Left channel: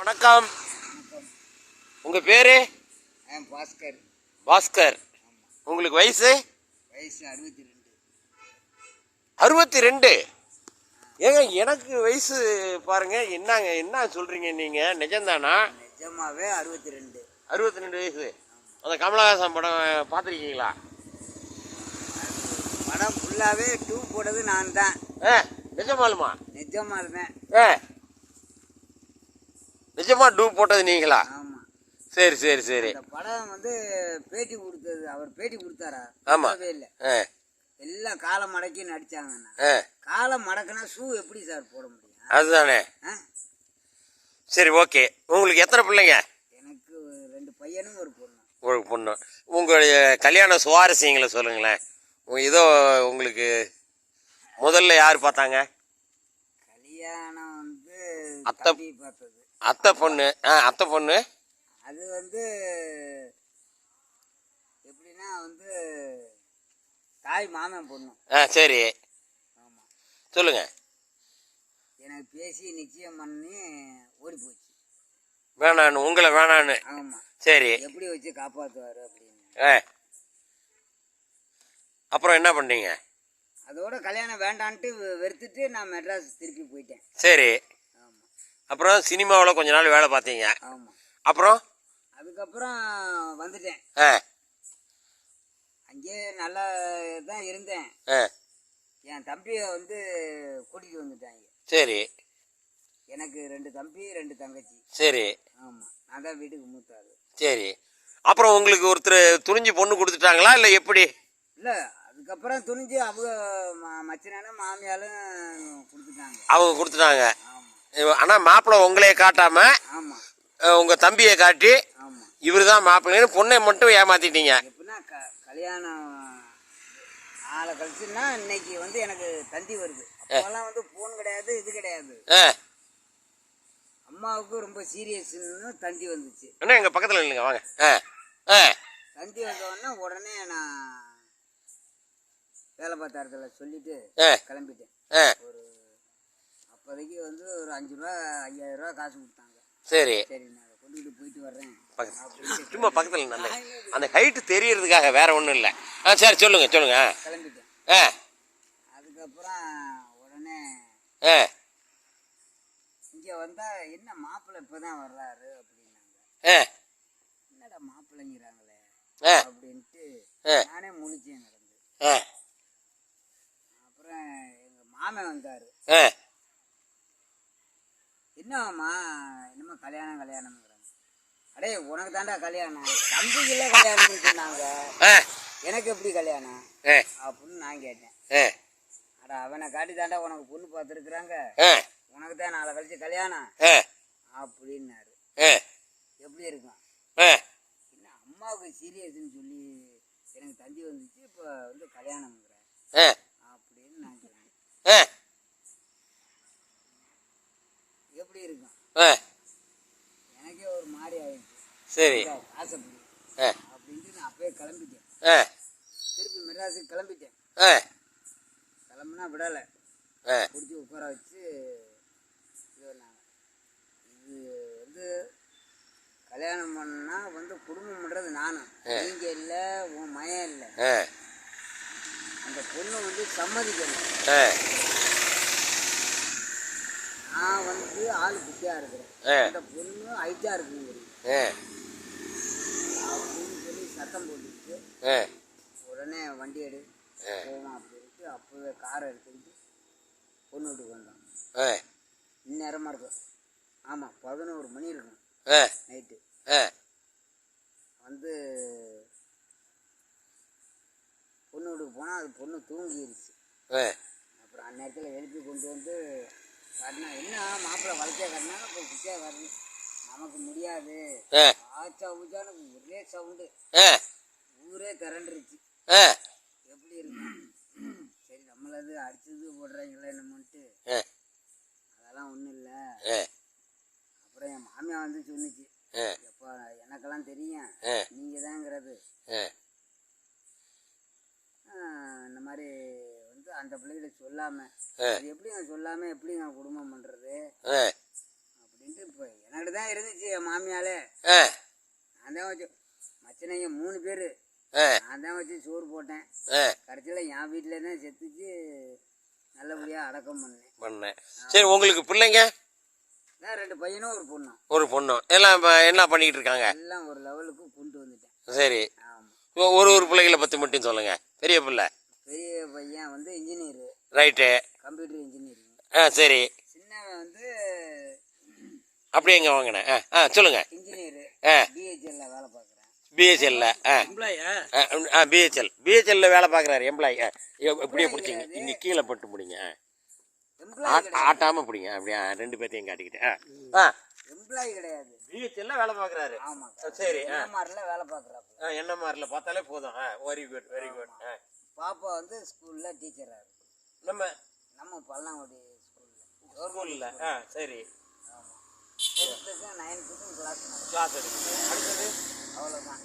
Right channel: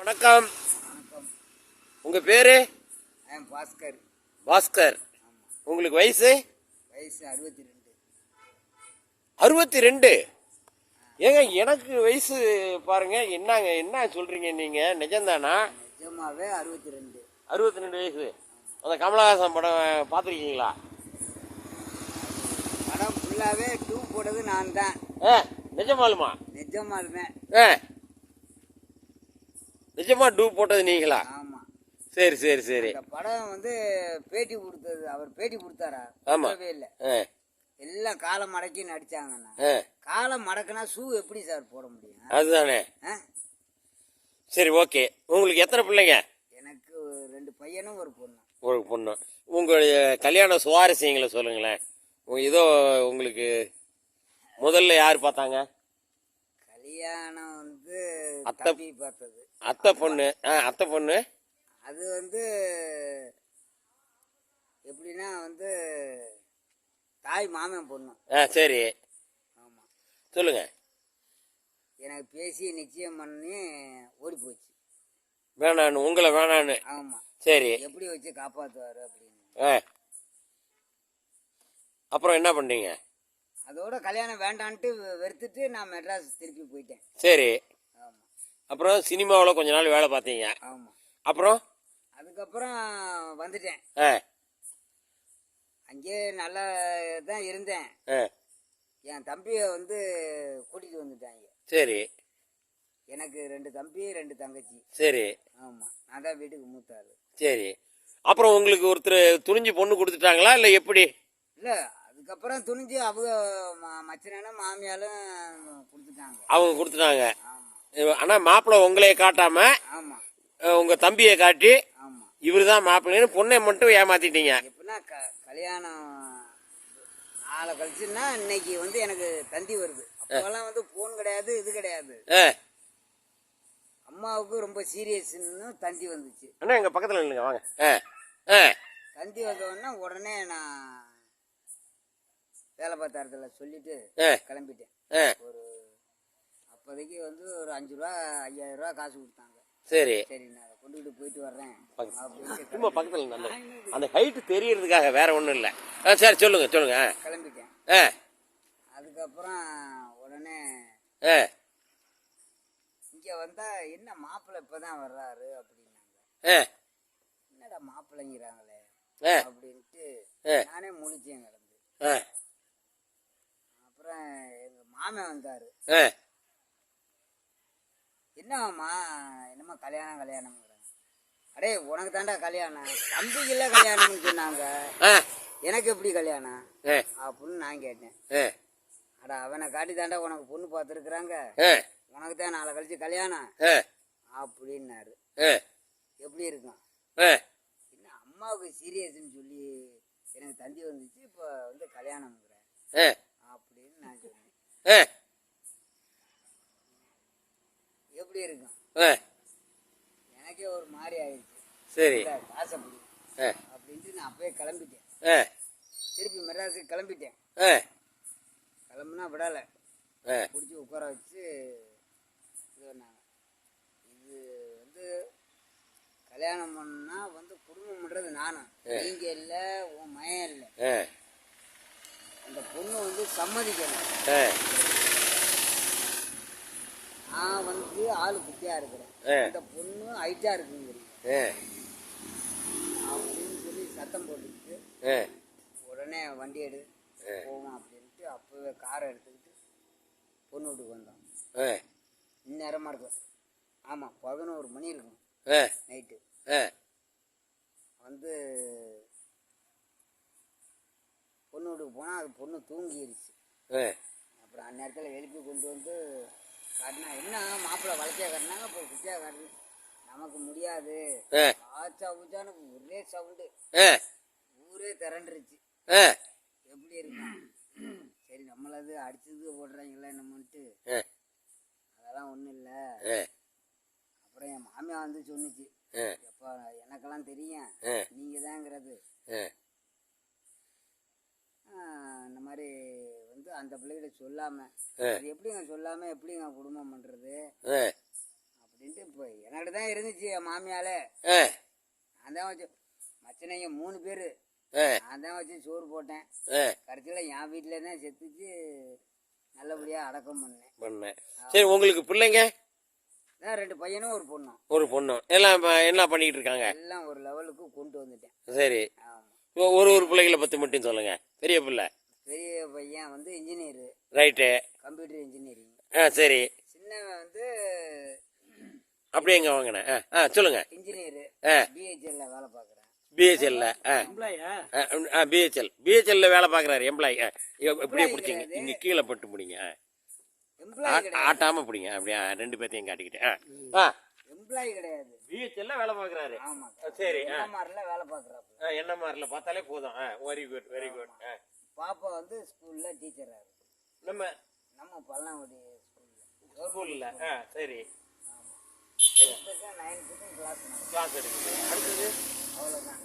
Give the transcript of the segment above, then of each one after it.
வணக்கம். உங்கள் பேர்? பாஸ்கர். பாஸ்கர். உங்களுக்கு வயசு? வயசு 62. 62? ஏங்க எனக்கு வயசு பாருங்க. என்ன சொல்கிறீங்க நீங்கள்? நிஜம்தானா? நிஜமாவே 62. 62 வயசு. அந்த கமலஹாசன் படம் பார்த்துருக்கீங்களா? படம் ஃபுல்லாகவே டூப் போட்டது நான் தான். நிஜமாலுமா? நிஜமாலுமே. நிஜமா டூப் போட்டது நீங்களா? ஆமாம். சரி சரி சரி. இந்த படம் பேட்டி கொடுத்தது, அவர் பேட்டி கொடுத்தாரா? ஆமாம். இல்லை, எல்லாம் காலை மடக்கி நடிச்சாங்கண்ணா. காலை மடக்குனா ஷூ எப்படி சார் போட முடியும்? அதுதானே. சரி, ஓகே. உங்களுக்கு எத்தனை பிள்ளைங்க? எனக்கு 2 பையனும் ஒரு பொண்ணு. ஒரு பொண்ணு. உங்களுடைய கல்யாண சுவாரஸ்யங்களை சொல்லுங்களேன். ஏதோ உங்களுக்கு முதல்ல யார் பார்த்தாங்க? கல்யாணம் அத்தை பார்த்தது. அத்தை பொண்ணு. அத்தை பொண்ணு அது எப்படின்னா தாய் மாமன் பொண்ணு. சரி. ஆமாம். சொல்லுங்க. எனக்கு பேசி நிச்சயம் பண்ணி ஓடி போச்சு. வேணான்னு? உங்களை வேணான்னு? ஆமாம். சரி. எப்படி வச்சு காப்பாற்றுவார் அப்படின்னு. அப்புறம் என்ன பண்ணீங்க? அதோட கல்யாணம் வேண்டான்ட்டு வெறுத்துட்டு நான் மெட்ராஸ் திருப்பி போயிட்டேன். சரி. ஆமாம். அப்புறம் சினிமாவில் கொஞ்ச நாள் வேலை பார்த்தீங்க. ஆமாம். அப்புறம் அதுக்கப்புறம் வந்துட்டேன். அங்கேயே நல்லா தான் இருந்தேன். என் தம்பியை கூட்டிகிட்டு வந்துட்டாங்க. சரி. எனக்கு 2 தம்பி 2 தங்கச்சி. சரி. ஆமாம். நான் தான் வீட்டுக்கு மூத்தாரு. சரி. அப்புறம் உங்களுக்கு ஒருத்தர் துணிஞ்சு பொண்ணு கொடுத்துட்டாங்களா இல்லை எப்படி? இல்லை, அதுக்கப்புறம் துணிஞ்சு அவங்க மச்சனும் மாமியாலும் கொடுத்துட்டாங்க. அவங்க கொடுத்துட்டாங்க. ஆனால் மாப்பிள்ளை உங்களையே காட்டாம உங்கள் தம்பியை காட்டி இவர் தான் மாப்பிள்ளைன்னு பொண்ணை மட்டும் ஏமாத்திட்டீங்க. எப்படின்னா கல்யாணம் நாளை கழிச்சுன்னா இன்னைக்கு எனக்கு தந்தி வருது. அப்போல்லாம் ஃபோன் கிடையாது, இது கிடையாது. அம்மாவுக்கு ரொம்ப சீரியஸ்ன்னு தந்தி வந்துச்சு. அண்ணா எங்கள் பக்கத்தில் இல்லைங்க, வாங்க. தந்தி வந்தோடனே உடனே நான் வேலை பார்த்த இடத்துல சொல்லிட்டு கிளம்பிட்டேன். ஒரு அப்போதைக்கு ஒரு 5 ரூபா 5000 ரூபா காசு கொடுத்தாங்க. சரி. சரி, நான் கொண்டுகிட்டு போயிட்டு வர்றேன். சும்மா பக்கத்தில் அந்த ஹைட்டு தெரியறதுக்காக, வேற ஒன்றும் இல்லை. சரி, சொல்லுங்க சொல்லுங்க. கிளம்பிட்டேன். அதுக்கப்புறம் உடனே இங்கே வந்தால் என்ன மாப்பிள்ளை இப்போ தான் வர்றாரு அப்படின்னாங்க. என்னடா மாப்பிள்ளைங்கிறாங்களே அப்படின்ட்டு நானே முழிச்சேன் கிடந்து. அப்புறம் எங்கள் மாமன் வந்தார். என்னம்மா என்னம்மா கல்யாணம்ங்கிறாங்க. அடே உனக்கு தாண்டா கல்யாணம், தம்பிக்குள்ள கல்யாணம்னு சொன்னாங்க, எனக்கு எப்படி கல்யாணம் அப்படின்னு நான் கேட்டேன். அடா அவனை காட்டி தாண்டா உனக்கு பொண்ணு பார்த்துருக்குறாங்க, உனக்கு தான் நாளை கழிச்சு கல்யாணம் அப்படின்னாரு. எப்படி இருக்கும்? என்ன அம்மாவுக்கு சீரியஸ்ன்னு சொல்லி எனக்கு தந்தி வந்துச்சு, இப்போ கல்யாணம்ங்கிறேன் அப்படின்னு நான் சொன்னேன். எப்படி இருக்கும்? எனக்கே ஒரு மாதிரி ஆயிடுச்சு. சரி. ஆசைப்படி அப்படின்ட்டு நான் அப்பயே கிளம்பிட்டேன். திருப்பி மெட்ராஸுக்கு கிளம்பிட்டேன். கிளம்புனா விடலை, பிடிச்சி உட்கார வச்சு இது கல்யாணம் பண்ணா குடும்பம் பண்ணுறது நானும், நீங்க இல்லை, உன் மயம் இல்லை. அந்த பொண்ணு சம்மதிக்கணும். நான் ஆளு குட்டியா இருக்கிறேன், அந்த பொண்ணு ஹைட்டா இருக்குங்கிறீங்க அப்படின்னு சொல்லி சத்தம் போட்டுக்கிட்டு உடனே வண்டி எடு போவோம் அப்படின்ட்டு அப்போவே காரை எடுத்துக்கிட்டு பொண்ணு வீட்டுக்கு வந்தோம். இந்நேரமாக இருக்கும். ஆமாம், 11 மணி இருக்கும் நைட்டு. பொண்ணு வீட்டுக்கு போனால் அது பொண்ணு தூங்கிடுச்சு. அப்புறம் அந்நேரத்தில் எழுப்பி கொண்டு காட்டினா, என்ன மாப்பிள்ளை வளர்ச்சியா காட்டினாங்க, இப்போ குட்டியா காட்டு, நமக்கு முடியாது. ஆச்சா ஊச்சான ஒரே சவுண்டு, ஊரே திரண்டுருச்சு. எப்படி இருக்கும்? சரி, நம்மளது அடிச்சது போடுறாங்களே நம்மன்ட்டு அதெல்லாம் ஒன்றும் இல்லை. அப்புறம் என் மாமியா சொன்னிச்சு, எப்போ எனக்கெல்லாம் தெரியும் நீங்கள் தாங்கிறது, இந்த மாதிரி அந்த பிள்ளைகிட்ட சொல்லாமல், அது எப்படிங்க சொல்லாமல் எப்படிங்க குடும்பம் பண்ணுறது அப்படின்ட்டு இப்போ என்கிட்ட தான் இருந்துச்சு என் மாமியாலே. ஆ நான் தான் வச்சு மச்சனைங்க 3 பேர், ஆ நான் தான் வச்சு சோறு போட்டேன். ஆ கடைசியில் என் வீட்டில் தான் செத்துச்சு, நல்லபடியாக அடக்கம் பண்ணேன். சரி, உங்களுக்கு பிள்ளைங்க? நான் 2 பையனும் ஒரு பொண்ணும். ஒரு பொண்ணும். எல்லாம் என்ன பண்ணிட்டு இருக்காங்க? எல்லாம் ஒரு லெவலுக்கு கொண்டு வந்துட்டேன். சரி, ஆமாம். ஒரு பிள்ளைகளை பற்றி மட்டும் சொல்லுங்க. பெரிய பிள்ளை? பெரிய பையன் வந்து இன்ஜினியரு, ரைட்டு. Computer engineering. சரி. சின்னவன் வந்து அப்படி எங்க வாங்கினேன்? சொல்லுங்க. இன்ஜினியரு, பிஹெச்எல்ல வேலை பார்க்குறேன். பிஹெச்எல்ல? பிஹெச்எல்ல வேலை பார்க்குறாரு, எம்ப்ளாயி. எப்படியே பிடிச்சிங்க, இங்கே கீழே பட்டு பிடிங்க. ஆட்டாமல் பிடிங்க. அப்படியா 2 பேர்த்தையும் காட்டிக்கிட்டேன். எம்ப்ளாயி கிடையாது, பிஹெச்எல்ல வேலை பார்க்குறாரு. ஆமாம். சரி. என்எம்ஆர்ல வேலை பார்க்குறாப்புல. என்எம்ஆரில் பார்த்தாலே போதும். Very good, very good. பாப்பா வந்து ஸ்கூலில் டீச்சராக இருக்கு. நம்ம பல்லாங்குடி ஸ்கூலில். சரி. ஆமாம். 10th 9th கிளாஸ் இருக்குது. அடுத்தது அவ்வளோதான்.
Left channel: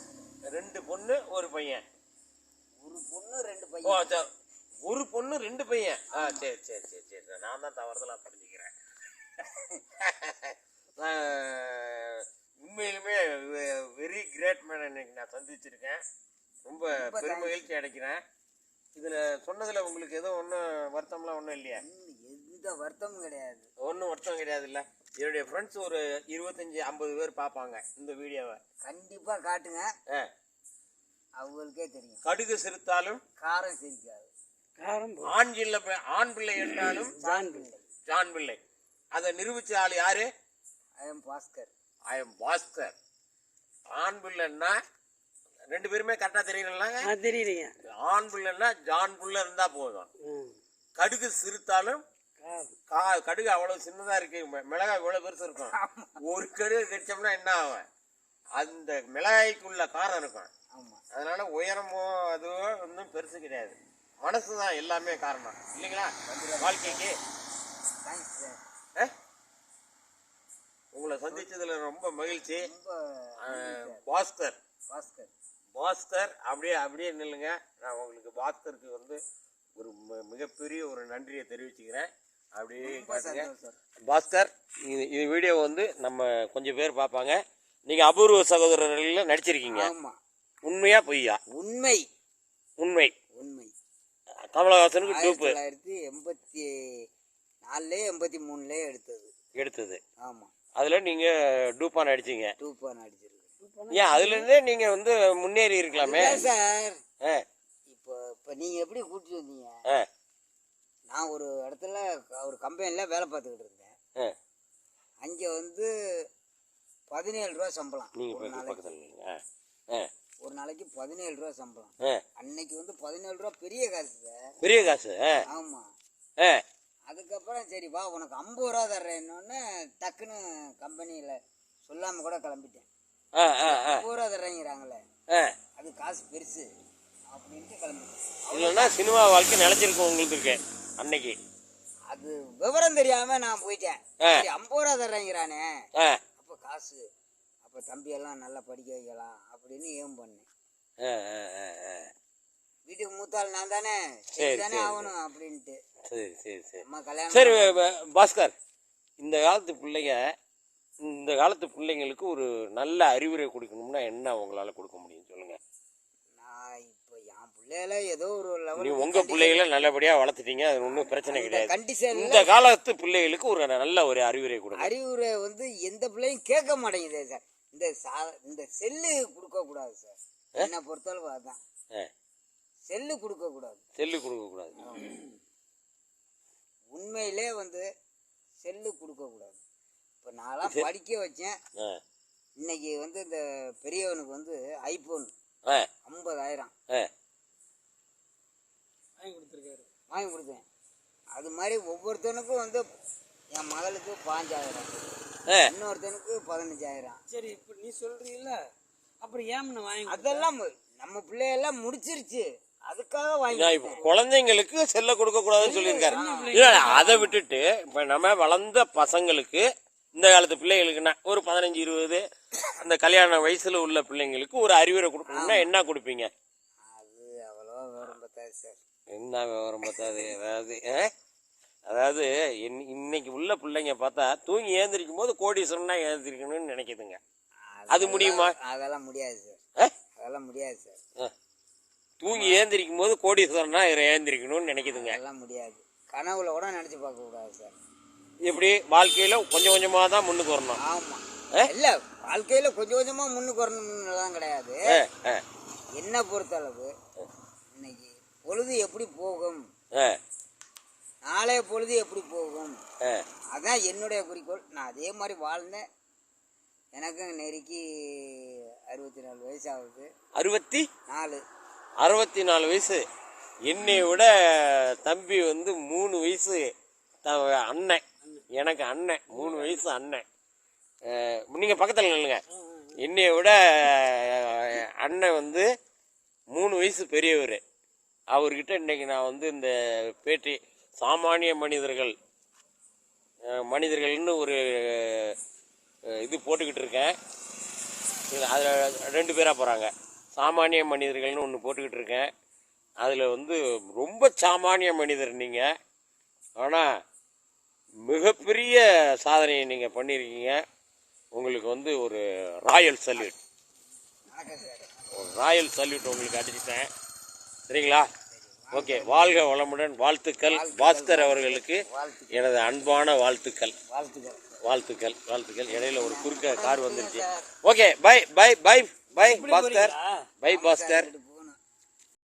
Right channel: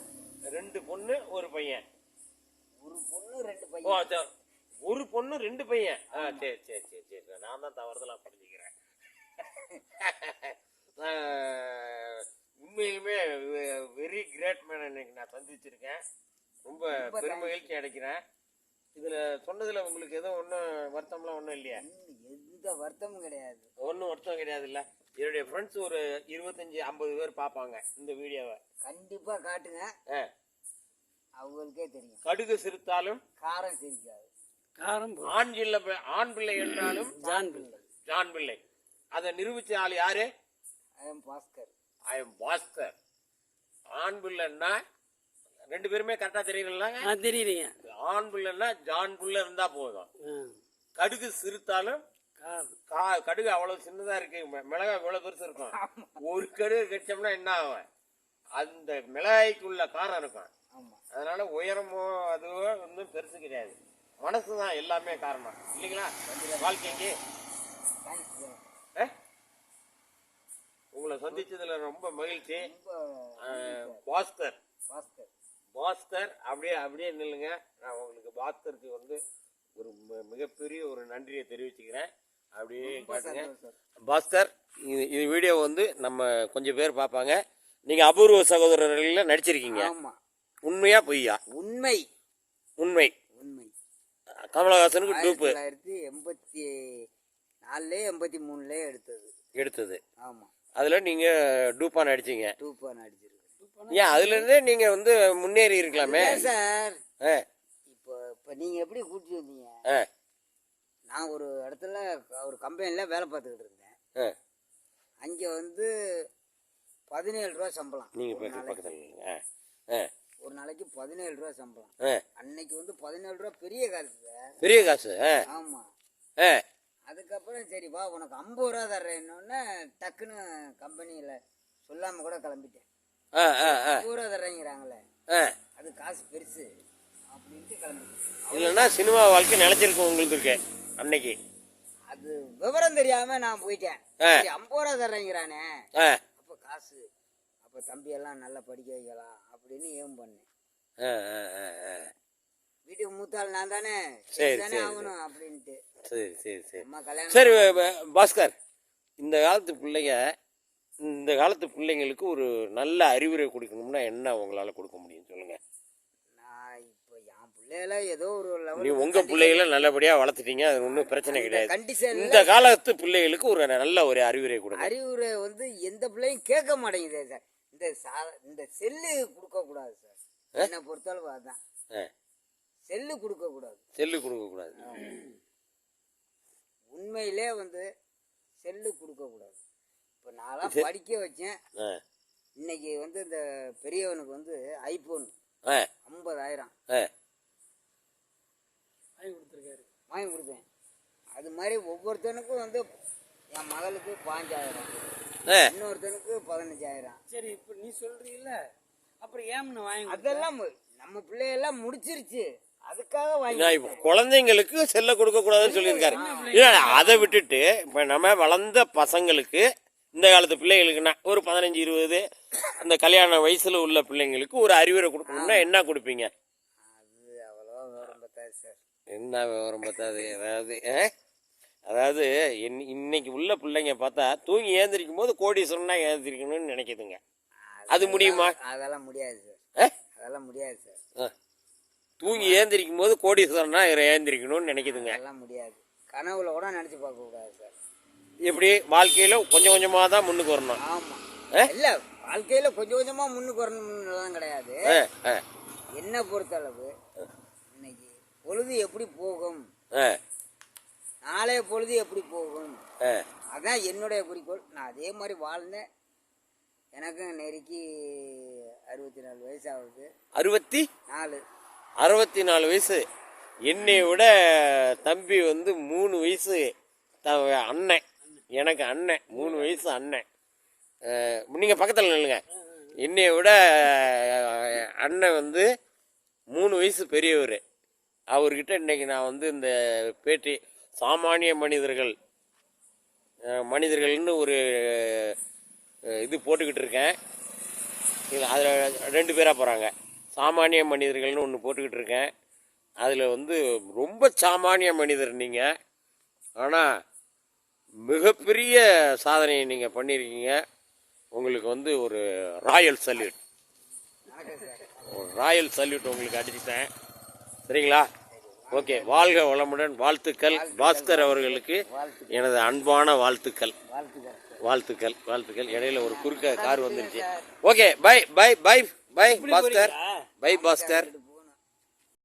2 பொண்ணு 1 பையன். ஒரு பொண்ணு 2 பையன். ஒரு பொண்ணு 2 பையன். சரி சரி சரி சரி, நான் தான் தவறுதலாக புரிஞ்சுக்கிறேன். உண்மையிலுமே வெரி கிரேட் மேன் இன்னைக்கு நான் சந்திச்சிருக்கேன். ரொம்ப பெருமகிழ்ச்சி அடைக்கிறேன். இதில் சொன்னதில் உங்களுக்கு எதுவும் ஒன்றும் வருத்தம்லாம் ஒன்றும் இல்லையா? எந்த வருத்தமும் கிடையாது. ஒன்றும் வருத்தம் கிடையாது. இல்லை, என்னுடைய ஃப்ரெண்ட்ஸ் ஒரு 25-50 பேர் பார்ப்பாங்க இந்த வீடியோவை. கண்டிப்பாக காட்டுங்க, அவங்களுக்கே தெரியும். கடுகு சிரித்தாலும் காரம் சிரிக்காது. ஆண் பிள்ளை என்றாலும் ஜான் பிள்ளை. அதை நிரூபிச்ச ஆள் யாரு? I am Bhaskar. ஆண் பிள்ளைன்னா 2 பேருமே கரெக்டா தெரியலங்க. தெரியுறீங்க. ஆண் பிள்ளைன்னா ஜான் பிள்ளை இருந்தா போதும். கடுகு சிரித்தாலும் கடுகு அவ்வளவு சின்னதா இருக்கு, மிளகாய் இவ்வளவு பெருசு இருக்கும். ஒரு கடுகு கடிச்சோம்னா என்ன ஆகும்? அந்த மிளகாய்க்குள்ள காரம் இருக்கும். அதனால உயரமோ அதுவோ ஒன்றும் பெருசு கிடையாது, மனசுதான் எல்லாமே காரணம் இல்லைங்களா வாழ்க்கைக்கு. உங்களை சந்திச்சதுல ரொம்ப மகிழ்ச்சி. பாஸ்கர் அப்படியே நில்லுங்க. நான் உங்களுக்கு பாஸ்கருக்கு வந்து ஒரு மிகப்பெரிய ஒரு நன்றியை தெரிவிச்சுக்கிறேன். அப்படியே காட்டுங்க பாஸ்கர். இது வீடியோ வந்து நம்ம கொஞ்சம் பேர் பார்ப்பாங்க. நீங்க அபூர்வ சகோதரர்கள் நடிச்சிருக்கீங்க. உண்மையா பொய்யா? உண்மை. கமலஹாசனுக்கு டூப்பு 1984 83 எடுத்தது. ஆமா, அதுல நீங்க டூப்பா நடிச்சீங்க. நடிச்சிருக்கேன். ஏன் அதுல இருந்தே நீங்க வந்து முன்னேறி இருக்கலாமே சார். இப்போ நீங்க எப்படி கூட்டிட்டு வந்தீங்க? நான் ஒரு இடத்துல ஒரு கம்பெனியில் வேலை பார்த்துக்கிட்டு இருந்தேன். அங்கே வந்து 17 ரூபா சம்பளம். ஒரு நாளைக்கு 17 ரூபா சம்பளம். அன்னைக்கு வந்து 17 ரூபா பெரிய காசு சார். பெரிய காசு. ஆமாம். அதுக்கப்புறம் சரி வா உனக்கு 50 ரூபா தர்றேன்னொன்னே டக்குன்னு கம்பெனியில் சொல்லாமல் கூட கிளம்பிட்டேன். 50 ரூபா தர்றேங்கிறாங்களே, அது காசு பெருசு அப்படின்ட்டு கிளம்பிட்டேன். இல்லைன்னா சினிமா வாழ்க்கை நினைச்சிருக்கும் உங்களுக்கு இருக்கு அன்னைக்கு. அது விவரம் தெரியாம நான் போயிட்டேன். 50 ரூபா தர்றேங்கிறானே, அப்போ காசு, அப்போ தம்பியெல்லாம் நல்லா படிக்க வைக்கலாம் அப்படின்னு ஏம் பண்ணேன். வீட்டுக்கு மூத்தாள் நான் தானே, தானே ஆகணும் அப்படின்ட்டு. அம்மா கல்யாணம். சரி பாஸ்கர், இந்த காலத்து பிள்ளைங்களுக்கு ஒரு நல்ல அறிவுரை கொடுக்கணும்னா என்ன உங்களால கொடுக்க முடியும் சொல்லுங்க. நான் இப்போ என் பிள்ளைகள ஏதோ ஒரு லெவல், உங்க பிள்ளைகளை நல்லபடியா வளர்த்துட்டீங்க, அது ஒன்றும் பிரச்சனை கிடையாது. இந்த காலத்து பிள்ளைகளுக்கு ஒரு நல்ல ஒரு அறிவுரை கொடுங்க. அறிவுரை வந்து எந்த பிள்ளையும் கேட்க மாட்டேங்குது சார். இந்த செல்லு கொடுக்க கூடாது சார், என்ன பொறுத்தளவு அதான். செல்லு கொடுக்க கூடாது. உண்மையிலே வந்து செல்லு கொடுக்க கூடாது. இப்போ நான்லாம் படிக்க வச்சேன். இன்னைக்கு வந்து இந்த பெரியவனுக்கு வந்து ஐபோன் 50,000 வாங்கி கொடுத்தேன். அது மாதிரி ஒவ்வொருத்தனுக்கும் வந்து என் மகளுக்கு 5,000, இன்னொருத்தனுக்கு 15,000. சரி, இப்போ நீ சொல்றீல்ல, அப்புறம் ஏன் வாங்கி? அதெல்லாம் நம்ம பிள்ளையெல்லாம் முடிச்சிருச்சு, அதுக்காக வாங்கி. குழந்தைங்களுக்கு செல்ல கொடுக்க கூடாதுன்னு சொல்லியிருக்காரு. அதை விட்டுட்டு இப்ப நம்ம வளர்ந்த பசங்களுக்கு, இந்த காலத்து பிள்ளைகளுக்குன்னா ஒரு 15-20 அந்த கல்யாண வயசுல உள்ள பிள்ளைங்களுக்கு ஒரு அறிவுரை கொடுக்கணும்னா என்ன கொடுப்பீங்க? அது அவ்வளோ விவரம் பத்தாது சார். என்ன விவரம் பத்தாது? அதாவது அதாவது இன்னைக்கு உள்ள பிள்ளைங்க பார்த்தா தூங்கி ஏந்திரிக்கும் போது கோடீஸ்வரனா ஏந்திரிக்கணும்னு நினைக்குதுங்க. அது முடியுமா? அதெல்லாம் முடியாது சார். அதெல்லாம் முடியாது சார். தூங்கி ஏந்திரிக்கும் போது கோடீஸ்வரனா ஏந்திரிக்கணும்னு நினைக்குதுங்க. அதெல்லாம் முடியாது. கனவுல கூட நினைச்சு பார்க்க கூடாது சார். எப்படி வாழ்க்கையில கொஞ்சம் கொஞ்சமா தான் முன்னுக்கு வரணும். ஆமா. இல்ல வாழ்க்கையில கொஞ்சம் கொஞ்சமா முன்னுக்கு வரணும்னுலாம் கிடையாது. என்ன பொறுத்தளவு இன்னைக்கு பொழுது எப்படி போகும், நாளைய பொழுது எப்படி போகும், அதான் என்னுடைய குறிக்கோள். நான் அதே மாதிரி வாழ்ந்தேன். எனக்கும் நெருக்கி 64 வயசு ஆகுது. 64 வயசு. என்னை விட தம்பி வந்து 3 வயசு அண்ணன். எனக்கு அண்ணன் 3 வயசு அண்ணன். நீங்கள் பக்கத்தில் நில்லுங்க. என்னை விட அண்ணன் வந்து 3 வயசு பெரியவர். அவர்கிட்ட இன்னைக்கு நான் வந்து இந்த பேட்டி சாமானிய மனிதர்கள்னு ஒரு இது போட்டுக்கிட்டு இருக்கேன். அதில் 2 பேராக போகிறாங்க. சாமானிய மனிதர்கள்னு ஒன்று போட்டுக்கிட்டு இருக்கேன். அதில் வந்து ரொம்ப சாமானிய மனிதர் நீங்கள், ஆனால் மிகப்பெரிய சாதனையை நீங்கள் பண்ணியிருக்கீங்க. உங்களுக்கு வந்து ஒரு ராயல் சல்யூட் உங்களுக்கு அடிச்சுட்டேன். சரிங்களா? ஓகே, வாழ்க வளமுடன். வாழ்த்துக்கள். பாஸ்கர் அவர்களுக்கு எனது அன்பான வாழ்த்துக்கள். இடையில ஒரு குறுக்க கார் வந்துருச்சு. Okay, bye Bhaskar.